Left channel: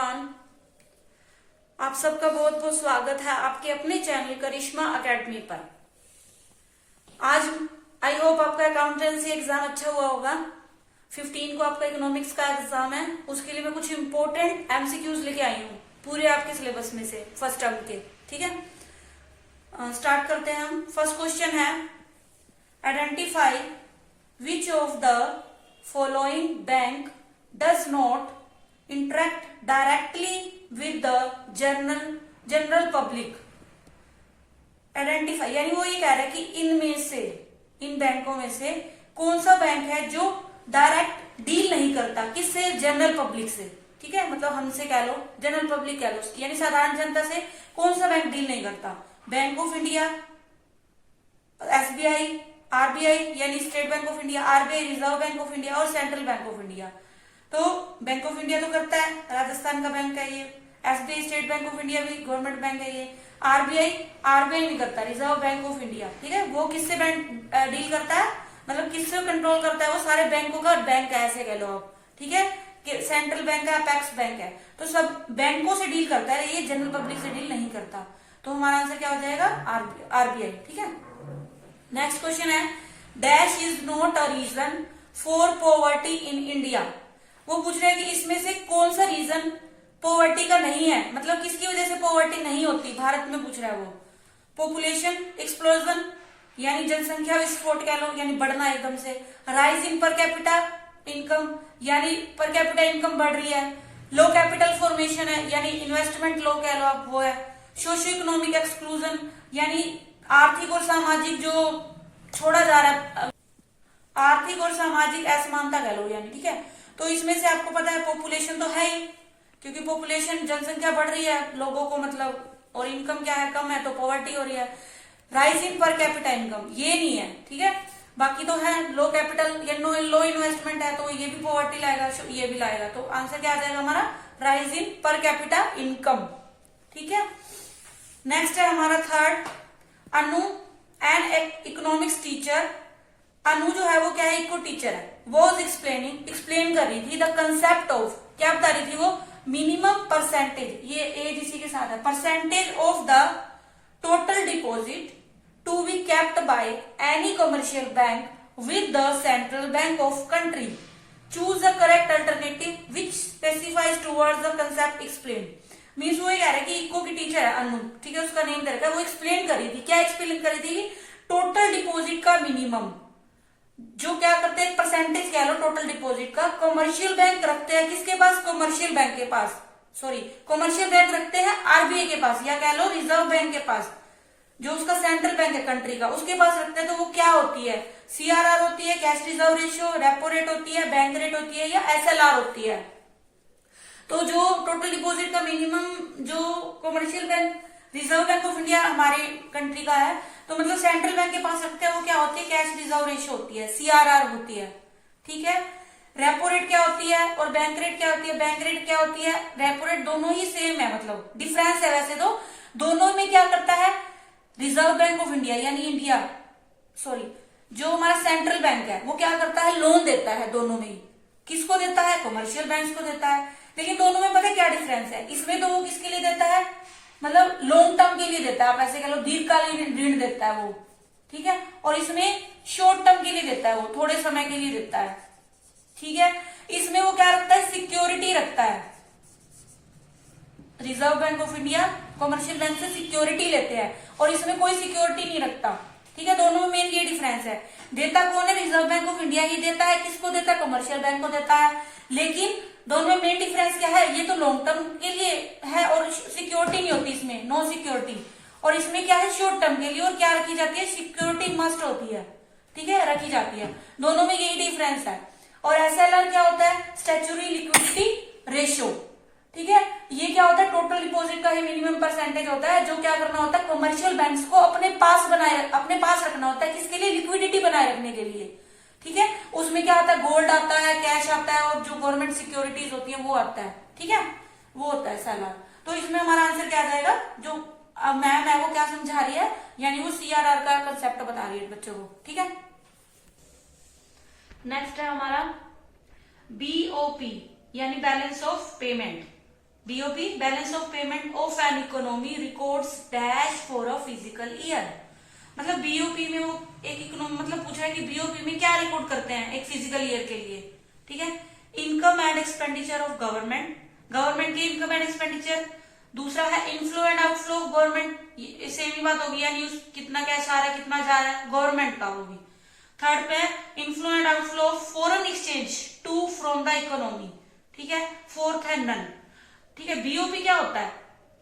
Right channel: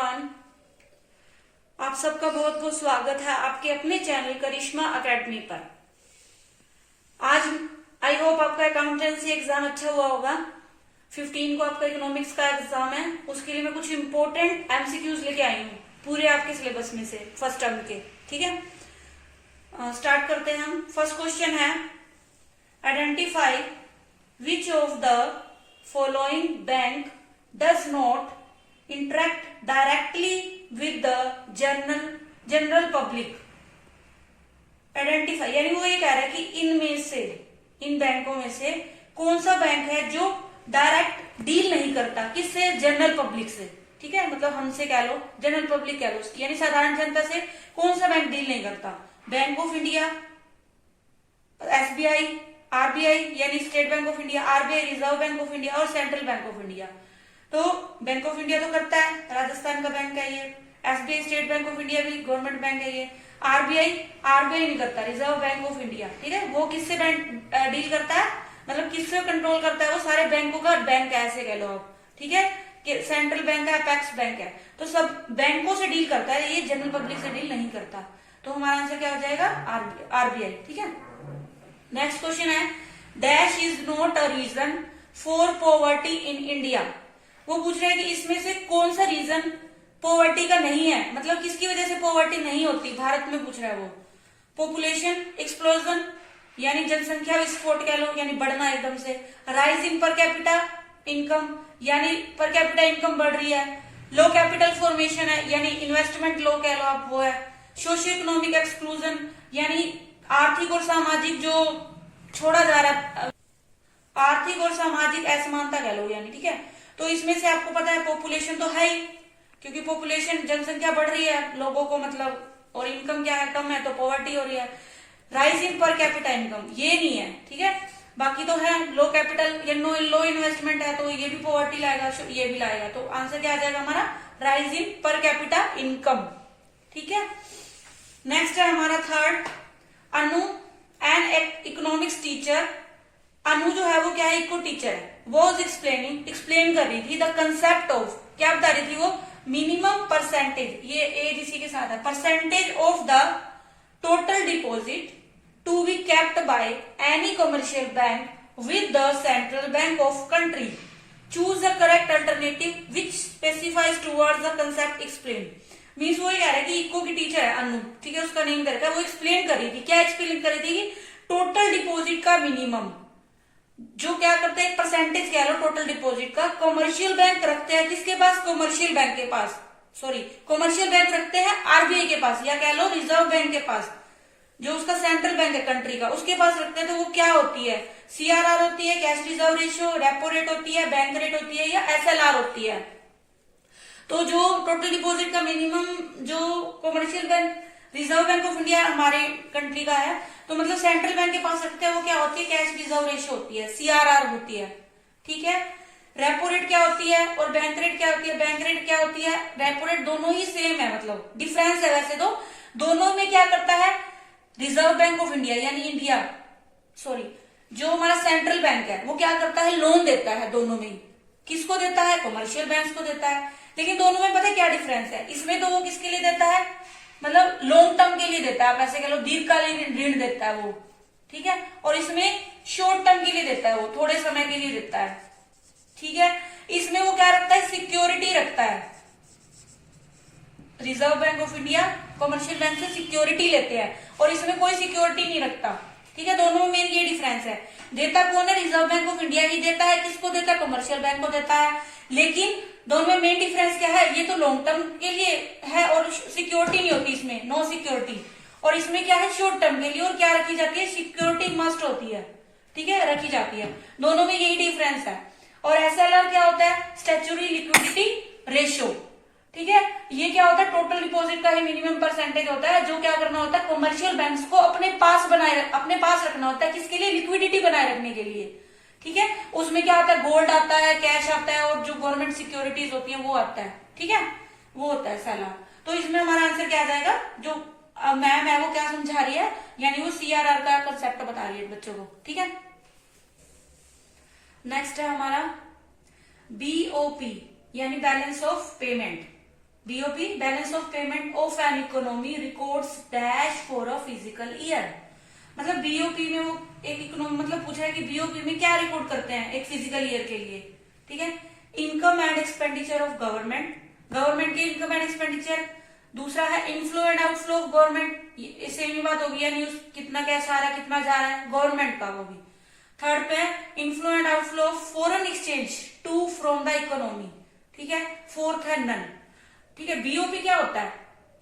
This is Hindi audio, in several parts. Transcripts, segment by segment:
एवरीवन, आप सबका बहुत बहुत स्वागत है आपके अपने चैनल करिश्मा एकेडमी पर। आज आई होप आपका अकाउंटेंसी एग्जाम अच्छा हुआ होगा। 15 को आपका इकोनॉमिक्स का एग्जाम है, उसके लिए मैं कुछ इंपॉर्टेंट एमसीक्यूज लेके आई हूँ पूरे आपके सिलेबस में से फर्स्ट टर्म के। ठीक है, स्टार्ट करते हैं हम। फर्स्ट क्वेश्चन है, identify which of the following bank does not interact directly with the general public। Identify यानी वो ये कह रहा है कि इनमें से, इन बैंकों में से कौन सा बैंक है जो डायरेक्ट डील नहीं करता, किससे? जनरल पब्लिक से। ठीक है, मतलब हमसे कह लो, जनरल पब्लिक कह लो उसकी, यानी साधारण जनता से कौन सा बैंक डील नहीं करता? Bank of India, SBI, RBI यानी State Bank of India, RBI reserve bank of India और सेंट्रल बैंक ऑफ इंडिया। तो बैंक ऑफ इंडिया तो करता है, राजस्थान का बैंक है ये। SBI State Bank of India भी गवर्नमेंट बैंक है ये। आरबीआई नहीं करता, रिजर्व बैंक ऑफ इंडिया। ठीक है, वो किससे बैंक डील करता है, मतलब किससे कंट्रोल करता है? वो सारे बैंकों का बैंक है, ऐसे कह लो आप। ठीक है, कि सेंट्रल बैंक है, अपेक्स बैंक है, तो सब बैंकों से डील करता है, ये जनरल पब्लिक से डील नहीं करता। तो हमारा आंसर क्या हो जाएगा? आरबीआई। ठीक है, नेक्स्ट क्वेश्चन है, dash is not a reason for poverty in India. वो पूछ रहे हैं कि इसमें से कौन सा रीजन पॉवर्टी का नहीं है, मतलब किसकी वजह से पॉवर्टी नहीं होती भारत में, पूछ रहा है वो। पॉपुलेशन एक्सप्लोजन यानी जनसंख्या विस्फोट कह लो, यानी बढ़ना एकदम से। Rise in per capita income यानी पर कैपिटा इनकम बढ़ रही है। लो कैपिटल फॉर्मेशन है यानी इन्वेस्टमेंट लो कह लो आप, वो है। सोशियो इकोनॉमिक एक्सक्लूजन यानी आर्थिक और सामाजिक जो छोड़ा जा रहा है, आर्थिक और सामाजिक असमानता कह लो यानी। ठीक है, तो इसमें से आपको पता है पॉपुलेशन तो है ही, क्योंकि पॉपुलेशन जनसंख्या बढ़ रही है लोगों को, मतलब, और इनकम क्या है, कम है, तो पॉवर्टी हो रही है। Rise in per capita income ये नहीं है। ठीक है, बाकी तो है, लो कैपिटल या लो इन्वेस्टमेंट है, तो ये भी पॉवर्टी लाएगा, ये भी लाएगा। तो आंसर क्या आ जाएगा हमारा? Rise in per capita income. ठीक है, नेक्स्ट है हमारा third, Anu an economics teacher. Anu जो है वो क्या है? इको टीचर है। वॉज एक्सप्लेन कर रही थी द कंसेप्ट ऑफ, क्या बता रही थी वो? मिनिमम परसेंटेज, ये एज इसी के साथ है, percentage of the total deposit to be kept by any commercial bank with the central bank of country. Choose the correct alternative which specifies towards the concept explain. Means वो ये कह रहा है कि इको की टीचर है अनु, ठीक है, उसका नेम करके वो एक्सप्लेन कर रही थी। क्या एक्सप्लेन कर रही थी? कि टोटल डिपॉजिट का मिनिमम जो क्या करते हैं, परसेंटेज कह लो टोटल डिपॉजिट का, कमर्शियल बैंक रखते हैं किसके पास? कमर्शियल बैंक के पास, सॉरी, कमर्शियल बैंक रखते हैं आरबीआई के पास, या कह लो रिजर्व बैंक के पास, जो उसका सेंट्रल बैंक है कंट्री का, उसके पास रखते हैं। तो वो क्या होती है? सीआरआर होती है, cash reserve ratio, repo rate होती है, बैंक रेट होती है, या एसएलआर होती है। तो जो टोटल डिपॉजिट का मिनिमम जो commercial bank, reserve bank of India हमारे कंट्री का है, तो मतलब सेंट्रल बैंक के पास रखते हैं, वो क्या होती है? कैश रिजर्व रेशियो होती है, सीआरआर होती है। ठीक है, रेपो रेट क्या होती है और बैंक रेट क्या होती है? बैंक रेट क्या होती है, रेपो रेट दोनों ही सेम है, मतलब डिफरेंस है वैसे तो। दोनों में क्या करता है रिजर्व बैंक ऑफ इंडिया यानी इंडिया, सॉरी, जो हमारा सेंट्रल बैंक है वो क्या करता है? लोन देता है दोनों में ही। किसको देता है? कमर्शियल बैंक को देता है। लेकिन दोनों में पता है क्या डिफरेंस है? इसमें तो वो किसके लिए देता है, मतलब लॉन्ग टर्म के लिए देता है, आप ऐसे कह लो दीर्घकालीन ऋण देता है वो। ठीक है, और इसमें शॉर्ट टर्म के लिए देता है, वो थोड़े समय के लिए देता है। ठीक है, इसमें वो क्या रखता है? सिक्योरिटी रखता है। Reserve bank of India commercial bank से सिक्योरिटी लेते हैं, और इसमें कोई सिक्योरिटी नहीं रखता। ठीक है, दोनों में मेन ये डिफरेंस है। देता कौन है? रिजर्व बैंक ऑफ इंडिया ही देता है। किसको देता है? कमर्शियल बैंक को देता है। लेकिन दोनों में मेन डिफरेंस क्या है? ये तो लॉन्ग टर्म के लिए है और सिक्योरिटी नहीं होती इसमें, नो सिक्योरिटी। और इसमें क्या है? शॉर्ट टर्म के लिए, और क्या रखी जाती है? सिक्योरिटी मस्ट होती है। ठीक है, रखी जाती है। दोनों में यही डिफरेंस है। और एसएलआर क्या होता है? Statutory liquidity ratio. ठीक है, ये क्या होता है? टोटल डिपॉजिट का ही मिनिमम परसेंटेज होता है, जो क्या करना होता है? कमर्शियल बैंक्स को अपने पास रखना होता है। किसके लिए? लिक्विडिटी बनाए रखने के लिए। ठीक है, उसमें क्या होता है? गोल्ड आता है, कैश आता है, और जो गवर्नमेंट सिक्योरिटीज होती है वो आता है। ठीक है, वो होता है एसएलआर। तो इसमें हमारा आंसर क्या आ जाएगा? जो मैम है वो क्या समझा रही है, यानी वो सीआरआर का कंसेप्ट बता रही है बच्चों को। ठीक है, नेक्स्ट है हमारा बीओपी यानी balance of payment. BOP balance of payment of an economy records dash for a physical year. मतलब बीओपी में वो एक इकोनॉमी मतलब पूछा है कि बीओपी में क्या रिकॉर्ड करते हैं एक फिजिकल ईयर के लिए। ठीक है, income and expenditure of government, government की इनकम एंड एक्सपेंडिचर। दूसरा है inflow and outflow of government, same ही बात होगी, यानी कितना कैश आ रहा है कितना जा रहा है गवर्नमेंट का, वो भी। थर्ड पे inflow and outflow of foreign exchange to from the economy. ठीक है, फोर्थ है नन। ठीक है, बीओपी क्या होता है,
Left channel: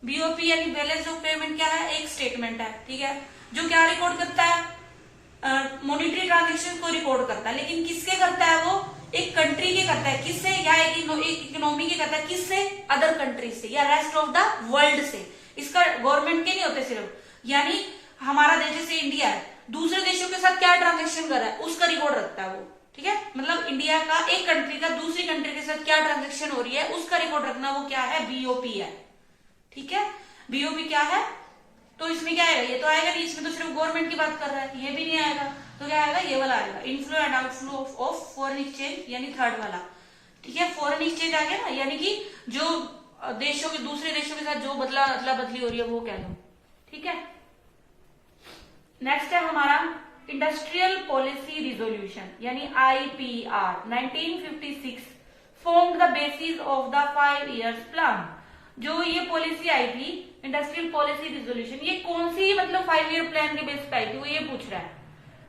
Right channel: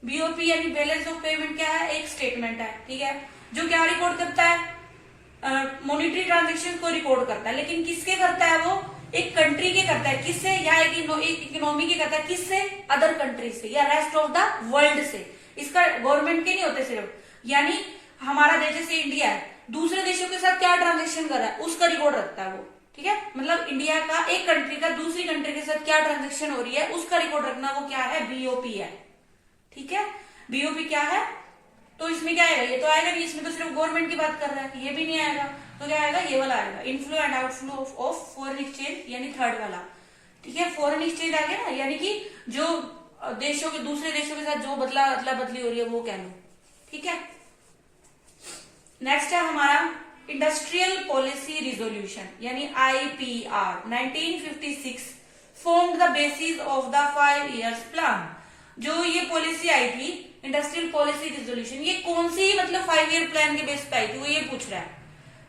बीओपी यानी बैलेंस ऑफ पेमेंट क्या है, एक स्टेटमेंट है। ठीक है, जो क्या रिकॉर्ड करता है, मॉनिटरी ट्रांजेक्शन को रिकॉर्ड करता है, लेकिन किसके करता है वो, एक कंट्री के करता है, किससे, या एक इकोनॉमी के करता है, किससे, अदर कंट्री से या रेस्ट ऑफ द वर्ल्ड से। इसका गवर्नमेंट के नहीं होते सिर्फ, यानी हमारा देश जैसे इंडिया है, दूसरे देशों के साथ क्या ट्रांजेक्शन कर रहा है उसका रिकॉर्ड रखता है वो। ठीक है, मतलब इंडिया का एक कंट्री का दूसरी कंट्री के साथ क्या ट्रांजेक्शन हो रही है उसका रिकॉर्ड रखना, वो क्या है, बीओपी है। ठीक है, बीओपी क्या है, तो इसमें क्या आएगा, ये तो आएगा नहीं, इसमें तो सिर्फ गवर्नमेंट की बात कर रहा है, ये भी नहीं आएगा, तो क्या आएगा, ये वाला आएगा, inflow and outflow of foreign exchange, यानी थर्ड वाला। ठीक है, फॉरेन एक्सचेंज आ गया ना, यानी कि जो देशों के दूसरे देशों के साथ जो अदला बदली हो रही है वो कह लो। ठीक है, नेक्स्ट है हमारा इंडस्ट्रियल पॉलिसी रिजोल्यूशन, यानी IPR 1956 formed the basis of the 5 years plan. जो ये पॉलिसी आई थी इंडस्ट्रियल पॉलिसी रिजोल्यूशन, ये कौन सी मतलब 5 ईयर प्लान के बेस पे आई थी, वो ये पूछ रहा है।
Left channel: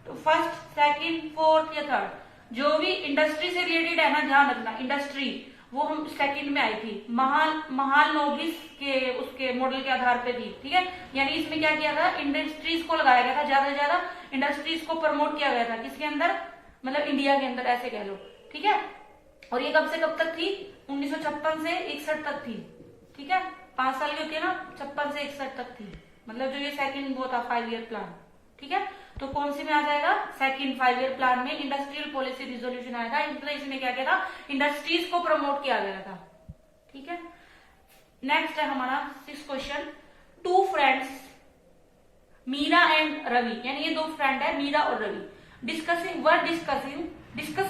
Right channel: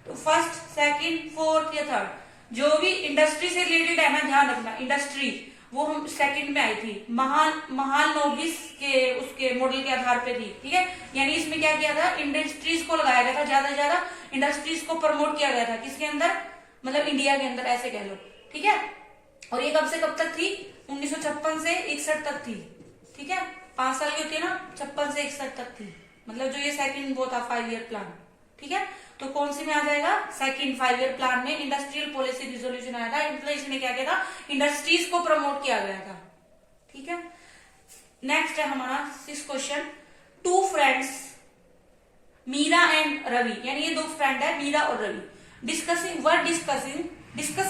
तो फर्स्ट, सेकंड, फोर्थ या थर्ड, जो भी इंडस्ट्री से रिलेटेड है ना, ध्यान रखना, इंडस्ट्री वो हम सेकंड में आई थी, महान नोबिस के उसके मॉडल के आधार पे थी। ठीक है, यानी इसमें क्या किया था, इंडस्ट्रीज को लगाया गया था, ज्यादा से ज्यादा इंडस्ट्रीज को प्रमोट किया गया था, किसके अंदर, मतलब इंडिया के अंदर, ऐसे कह लो। ठीक है, और ये कब से कब तक थी, 1956 से 61 तक थी। ठीक है, 5 साल की होती है ना, 56 से 61 तक थी, मतलब जो ये सेकंड वो था 5 ईयर प्लान। ठीक है, तो कौन सी में आ जाएगा, सेकंड 5 ईयर प्लान में इंडस्ट्रियल पॉलिसी रिजोल्यूशन आया था, मतलब इसने क्या किया था, इंडस्ट्रीज को प्रमोट किया गया था। ठीक है, नेक्स्ट है हमारा 6 question, 2 friends Meera and Ravi, यानी ये 2 फ्रेंड है मीरा और रवि, डिस्कस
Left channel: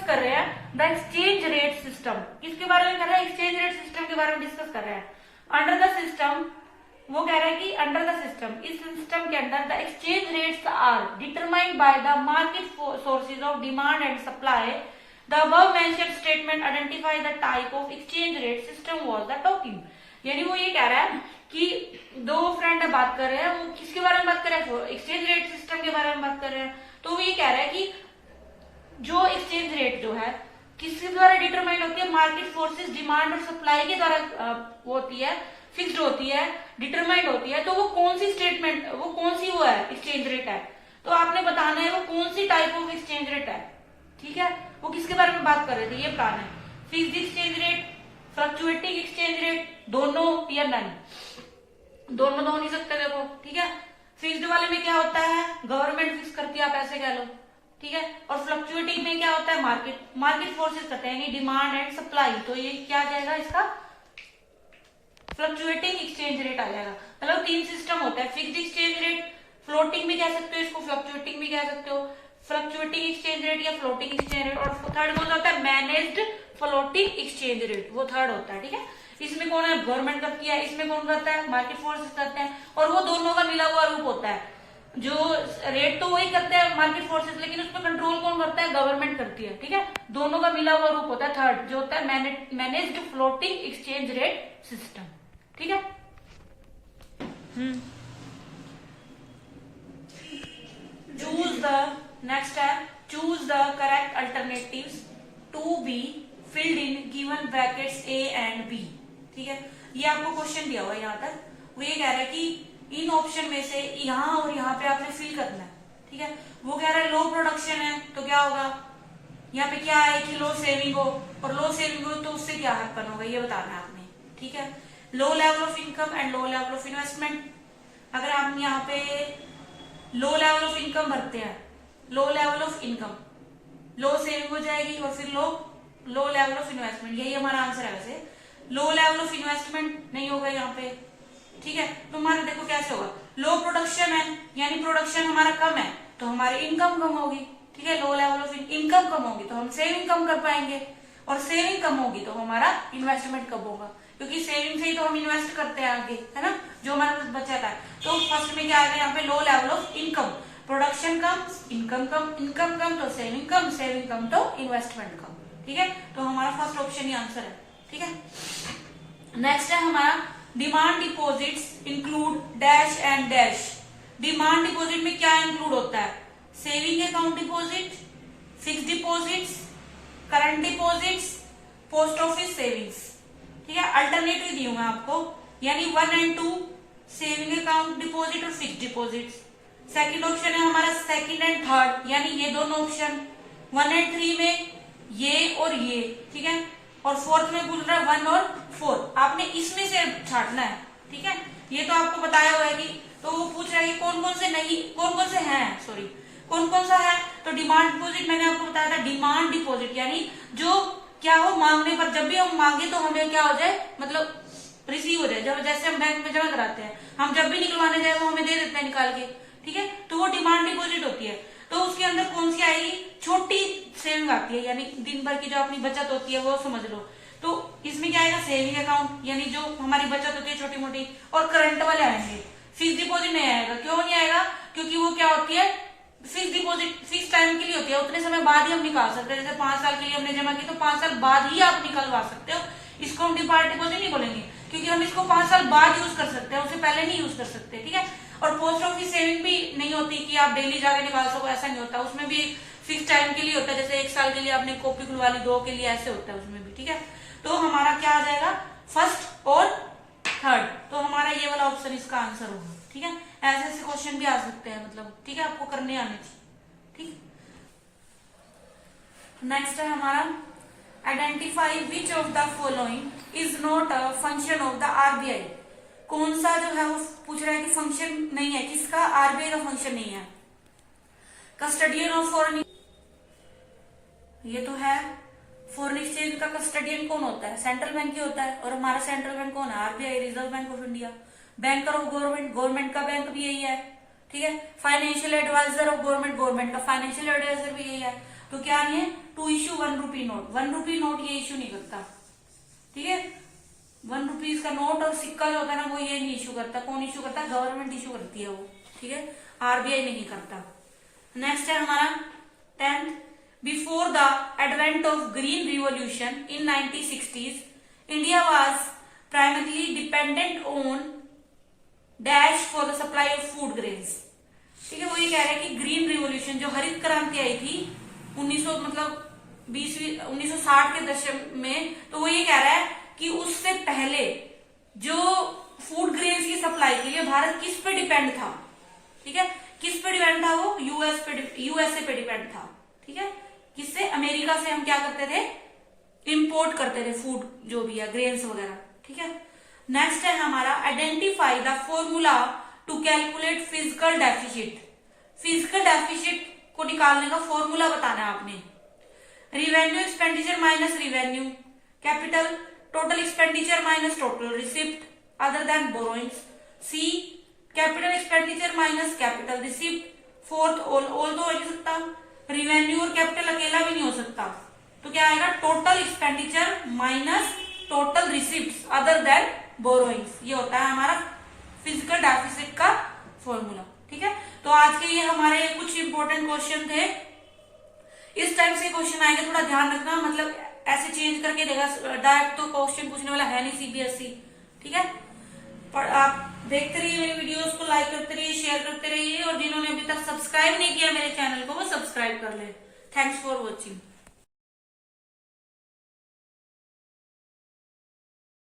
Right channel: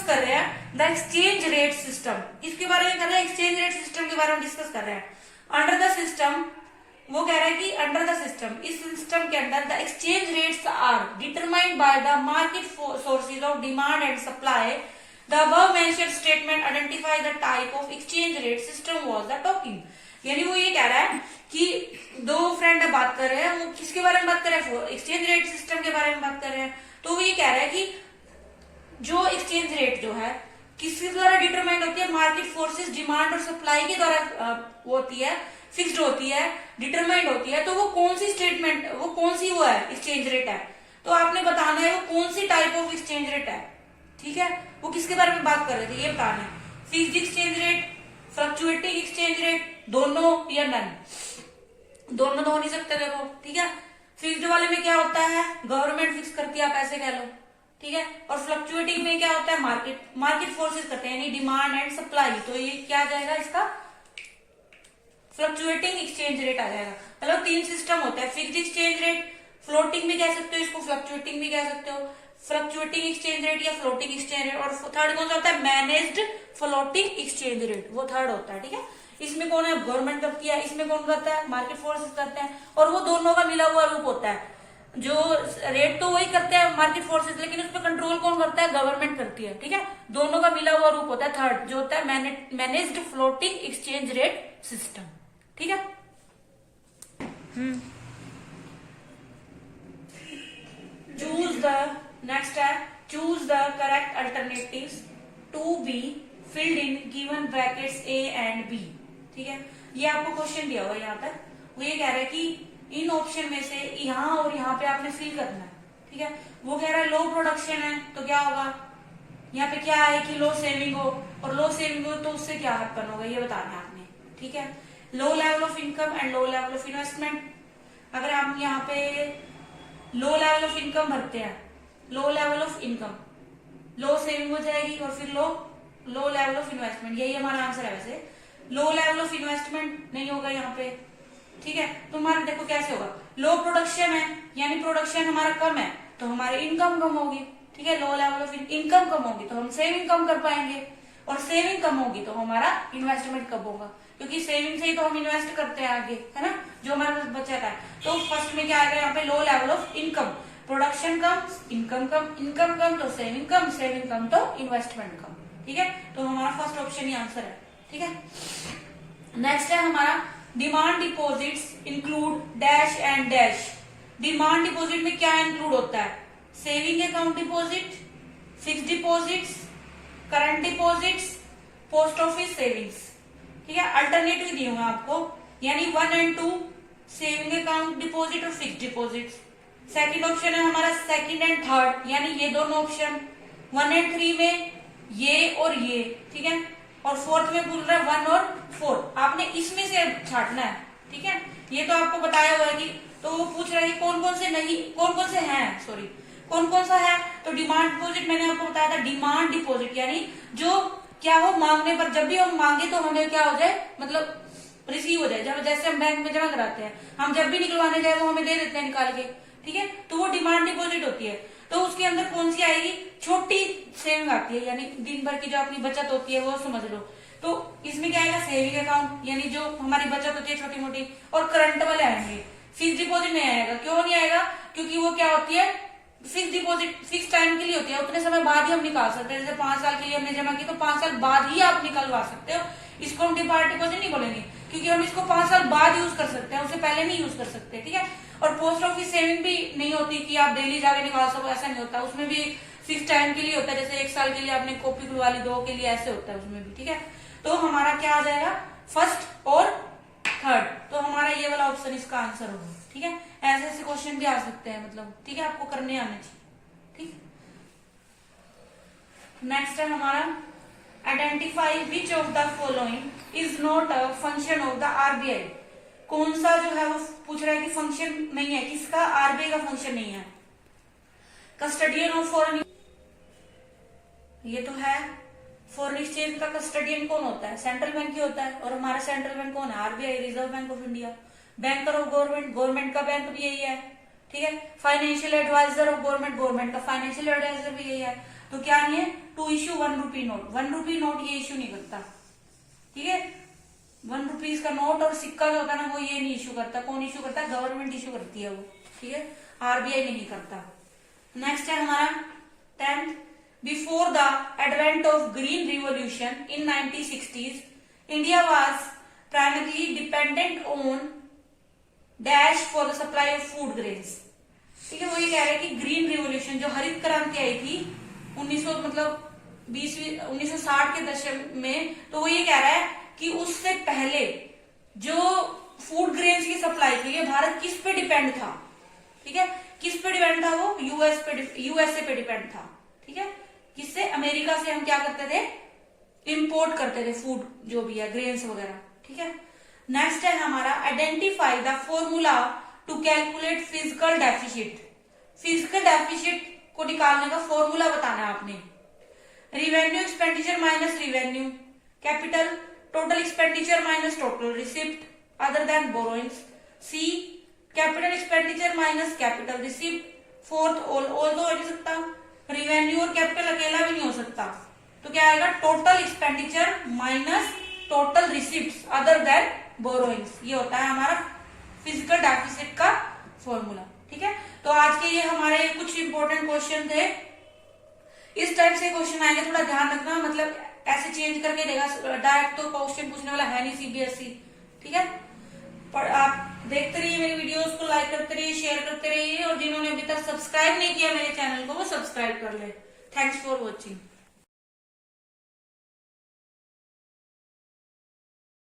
कर रहे हैं द एक्सचेंज रेट सिस्टम। इसके बारे में कर रहे हैं, एक्सचेंज रेट सिस्टम के बारे में डिस्कस कर रहे हैं। अंडर द सिस्टम, वो कह रहा है कि अंडर द सिस्टम, इस सिस्टम के अंदर the exchange rates are determined by the market sources of demand and supply. The above mentioned statement identify the type of exchange rate system was the talking. यानी वो ये कह रहा है कि 2 फ्रेंड बात कर रहे हैं, वो किसके बारे में बात कर रहे हैं, एक्सचेंज रेट सिस्टम के बारे में बात कर रहे हैं। तो वो ये कह रहा है कि जो एक्सचेंज रेट जो है किसके द्वारा डिटरमाइंड होती है, मार्केट फोर्सेस डिमांड और सप्लाई के द्वारा वो होती है, फिक्स्ड होती है, डिटरमाइंड होती है। तो वो कौन सी स्टेटमेंट, वो कौन सी वो है एक्सचेंज रेट है, तो आपने बताना है वो कौन सी टाइप ऑफ एक्सचेंज रेट है। ठीक है, वो किसके बारे में बात कर रहे थे, ये बताना है, fixed exchange rate, fluctuating exchange rate, दोनों या नन, दोनों तो हो नहीं सकते देखो। ठीक है, फिक्स्ड वाले में क्या होता है, गवर्नमेंट फिक्स करती है, आप ऐसे कह लो। ठीक है, और फ्लक्चुएटिंग में क्या होता है, मार्केट फोर्सेस करते हैं, यानी डिमांड एंड सप्लाई। तो ये क्या आ जाएगा, इसका फ्लक्चुएटिंग एक्सचेंज रेट आ जाएगा। मतलब 3 सिस्टम होता है, फिक्स्ड एक्सचेंज रेट, फ्लोटिंग भी कह सकते हो इसको, फ्लक्चुएटिंग भी कह सकते हो, फ्लक्चुएटिंग एक्सचेंज रेट या फ्लोटिंग एक्सचेंज रेट। और थर्ड कौन सा होता है, मैनेज्ड फ्लोटिंग एक्सचेंज रेट, वो थर्ड होता है। ठीक है, इसमें कौन है, गवर्नमेंट करती है, इसमें कौन करता है, मार्केट फोर्सेस करते हैं, और वो दोनों का मिला हुआ रूप होता है। जो रेट तो वही करते हैं मार्केट फोर्सेस, लेकिन उस पर कंट्रोल कौन करता है, गवर्नमेंट करती है। ठीक है, दोनों का मिला हुआ रूप होता है थर्ड, जो होता है managed floating exchange rate system. ठीक है, चूज द, नेक्स्ट है choose the correct alternatives to be filled in given brackets A and B. ठीक है, ये आपको क्वेश्चन दिया हुआ है यहाँ तक, वो ये कह रहा है कि इन ऑप्शन में से यहाँ और यहाँ पे आपने फिल करना है। ठीक है, वो कह रहा है लो प्रोडक्शन है तो क्या होगा, यहाँ पे क्या है कि लो सेविंग हो, और लो सेविंग हो तो उससे क्या हैपन होगा, ये बताना है आपने। ठीक है, लो level of income and low level of investment. अगर हम यहाँ पे लो लेवल ऑफ इनकम भरते हैं, लो level of income, low saving हो जाएगी, और फिर लो लेवल ऑफ इन्वेस्टमेंट, यही हमारा आंसर है। वैसे लो लेवल ऑफ इन्वेस्टमेंट नहीं होगा यहाँ पे। ठीक है, तो हमारा देखो कैसे होगा, लो प्रोडक्शन है यानी प्रोडक्शन हमारा कम है तो हमारी इनकम कम होगी। ठीक है, लो लेवल ऑफ इनकम कम होगी तो हम सेविंग कम कर पाएंगे, और सेविंग कम होगी तो हमारा इन्वेस्टमेंट कब होगा, क्योंकि सेविंग से ही तो हम इन्वेस्ट करते हैं आगे, है ना, जो हमारे पास बचत है। तो फर्स्ट में क्या आएगा यहाँ पे, low level of income, production कम, इनकम कम, इनकम कम तो सेविंग कम, सेविंग कम तो इन्वेस्टमेंट कम। ठीक है, तो हमारा फर्स्ट ऑप्शन ही आंसर है। ठीक है, नेक्स्ट है हमारा demand deposits include dash and dash. Demand deposit में क्या इंक्लूड होता है, saving account deposit, fix deposits, current deposits, post office savings. ठीक है, अल्टरनेटिव दी हूँ आपको, यानी 1 और 2 सेविंग अकाउंट डिपॉजिट और फिक्स डिपॉजिट। सेकंड ऑप्शन है हमारा सेकंड एंड थर्ड, यानी ये दोनों ऑप्शन, 1 और 3 में ये और ये। ठीक है, और फोर्थ में पूछ रहा है 1 और 4, आपने इसमें से छाटना है। ठीक है, ये तो आपको बताया हुआ है कि, तो वो पूछ रहा है कि कौन कौन से नहीं, कौन कौन से हैं, सॉरी कौन कौन सा है। तो डिमांड डिपॉजिट मैंने आपको बताया था, डिमांड डिपॉजिट यानी जो क्या हो, मांगने पर, जब भी हम मांगे तो हमें क्या हो जाए, मतलब रिसीव हो जाए। जब जैसे हम बैंक में जमा कराते हैं, हम जब भी निकलवाने जाए वो हमें दे देते हैं निकाल के। ठीक है, तो वो डिमांड डिपॉजिट होती है। तो उसके अंदर कौन सी आएगी, छोटी सेविंग आती है, यानी दिन भर की जो अपनी बचत होती है वो समझ लो। तो इसमें क्या आएगा, सेविंग अकाउंट, यानी जो हमारी बचत होती है छोटी मोटी, और करंट वाले आएंगे। फिक्स डिपॉजिट नहीं आएगा, क्यों नहीं आएगा, क्योंकि वो क्या होती है, फिक्स डिपॉजिट फिक्स टाइम के लिए होती है, उतने समय बाद ही हम निकाल सकते हैं। जैसे 5 साल के लिए हमने जमा की तो 5 साल बाद ही आप निकलवा सकते हो। इसको हम डिमांड डिपॉजिट नहीं बोलेंगे, क्योंकि हम इसको 5 साल बाद यूज कर सकते हैं, उससे पहले नहीं यूज कर सकते। ठीक है, और पोस्ट ऑफिस सेविंग भी नहीं होती कि आप डेली जाके निकाल सको, ऐसा नहीं होता। उसमें भी फिक्स टाइम के लिए होता है, जैसे 1 साल के लिए आपने कॉपी खुलवा ली, 2 के लिए, ऐसे होता है उसमें भी। ठीक है, तो हमारा क्या आ जाएगा, फर्स्ट और थर्ड, तो हमारा ये वाला ऑप्शन इसका आंसर होगा। ठीक है, ऐसे ऐसे क्वेश्चन भी आ सकते हैं, मतलब ठीक है, आपको करने आने चाहिए। ठीक, नेक्स्ट है हमारा identify which of the following is not a function of the RBI. कौन सा जो है वो पूछ रहा है कि फंक्शन नहीं है, किसका, आरबीआई का फंक्शन नहीं है। कस्टडियन ऑफ फॉरेन, ये तो है, फॉरेन एक्सचेंज का कस्टडियन कौन होता है, सेंट्रल बैंक ही होता है। और हमारा सेंट्रल बैंक कौन है, RBI, reserve bank of India. Banker of government, government का बैंक भी यही है। ठीक है, financial adviser of government, government का फाइनेंशियल एडवाइजर भी यही है। तो क्या नहीं है, to issue 1 rupee note, 1 rupee note ये इश्यू नहीं करता। ठीक है, 1 रुपीज का नोट और सिक्का जो होता है ना, वो ये नहीं इश्यू करता। कौन इश्यू करता है, गवर्नमेंट इश्यू करती है वो। ठीक है, आरबीआई नहीं करता। नेक्स्ट है हमारा 10th, before the advent of green revolution in 1960s, India was primarily dependent on dash for the supply of food grains. ठीक है, वो ये कह रहे हैं कि ग्रीन रिवॉल्यूशन, जो हरित क्रांति आई थी 1960 के दशक में, तो वो ये कह रहा है कि उससे पहले जो फूड ग्रेन्स की सप्लाई के लिए भारत किस पे डिपेंड था। ठीक है, किस पे डिपेंड था वो, यूएसए पे डिपेंड था। ठीक है, किससे, अमेरिका से हम क्या करते थे, इंपोर्ट करते थे फूड जो भी है, ग्रेन्स वगैरह। ठीक है, नेक्स्ट है हमारा identify the formula to calculate physical deficit. Physical deficit को निकालने का फॉर्मूला बताना है आपने। Revenue expenditure minus revenue capital, total expenditure minus total receipt other than borrowings. C capital expenditure minus capital receipt. Fourth all तो हो नहीं सकता, रिवेन्यू और कैपिटल अकेला भी नहीं हो सकता, तो क्या आएगा, total expenditure minus total receipt other than borrowings. ये होता है हमारा फिजिकल डेफिसिट का फॉर्मूला। ठीक है, तो आज के ये हमारे कुछ इंपॉर्टेंट क्वेश्चन थे। इस टाइप से क्वेश्चन आएंगे, थोड़ा ध्यान रखना, मतलब ऐसे चेंज करके देगा, डायरेक्ट तो क्वेश्चन पूछने वाला है नहीं सीबीएसई। ठीक है, पर आप देखते रहिए मेरी वीडियोस को, लाइक करते रहिए, शेयर करते रहिए, और जिन्होंने अभी तक सब्सक्राइब नहीं किया मेरे चैनल को वो सब्सक्राइब कर ले। Thanks for watching.